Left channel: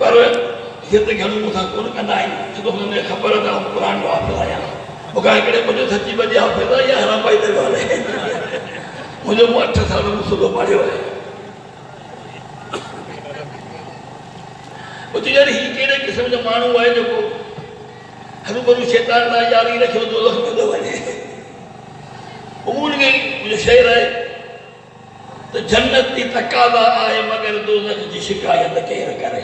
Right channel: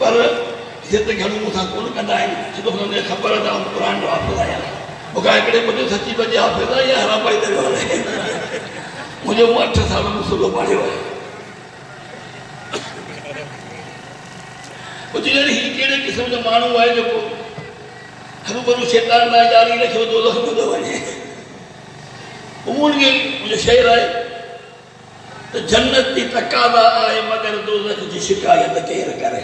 पर हिते घणो मूंसां कोन कंदा आहिनि छो त हुननि खे ख़बर आहे त आउं क़ुर जो हाफ़िज़ आहियां मूंखां हिकिड़े पुटु सची बजे हाफ़िज़ आहे या हराबाई ते वियो हले मुंहिंजो मूं 8 साल में सुबुह पढ़ियो आहे कुझु यार हीउ कहिड़े क़िस्म जो माण्हू आहे जेको हरूभरू शैतान लाइ जारी रखियो दोज़ख में थो वञे उन्हनि खे शेर आहे त जन्नत जी तक़ाज़ा आहे मगर दोज़ख जी शिकायत केरु करे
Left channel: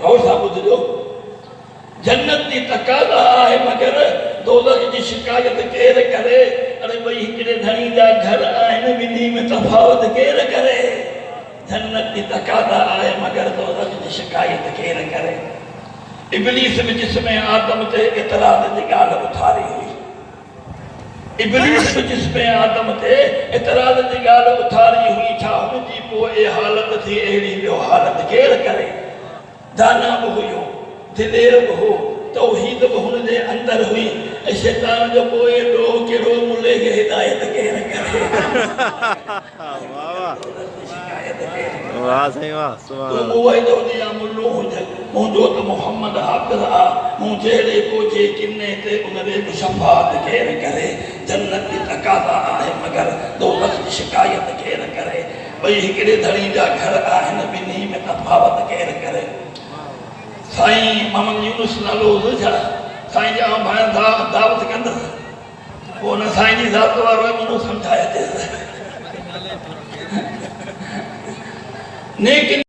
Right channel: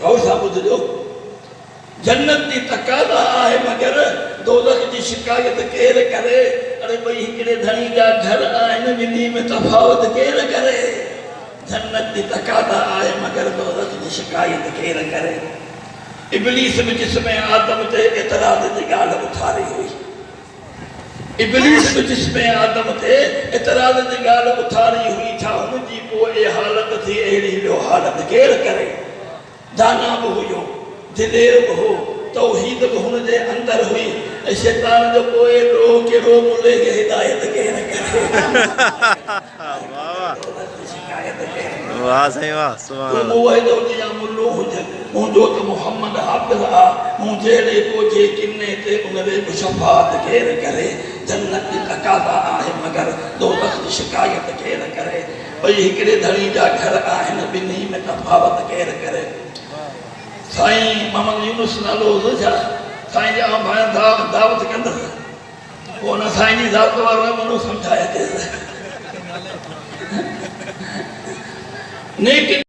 गौर सां ॿुधिजो जन्नत जी तक़ाज़ा आहे मगर दोज़ख जी शिकायत केरु करे अरे भई हिकिड़े धणी जा घर आहिनि ॿिन्ही में तफ़ावत केरु करे जन्नत जी तक़ाज़ा आहे मगर दोज़ख जी शिकायत केरु करे इब्लीस बि जिस्म आदम ते एतराज़ जी ॻाल्हि उथारी हुई इब्लीस बि जिस्म आदम ते एतराज़ जी ॻाल्हि उथारी हुई छा हुनजी पोइ हालत थी अहिड़ी ॿियो हालत केरु करे दाना बि हुयो दिलेर बि हो तौहीद बि हुनजे अंदरि हुई ऐं शैतान जो पोइ ॾोह कहिड़ो मुले खे हिदायत केरु करे वाह साईं वाह सुभान अल्लाह मुंहिंजो त मोहम्मद हाफ़िज़ आहे मूं जहिड़े कोजे किने ते उनजे बि शफ़ाअत केरु करे जन्नत जी तक़ाज़ा आहे मगर दोज़ख जी शिकायत केरु करे भई हिकिड़े धणी जा घर आहिनि ॿिन्ही में तफ़ावत केरु करे साईं मोहम्मद यूनुस नालो छा साईं जी आउं भाई दावत कंदुसि पोइ हुन साईं जी ज़ात वारो मनो सम्झाए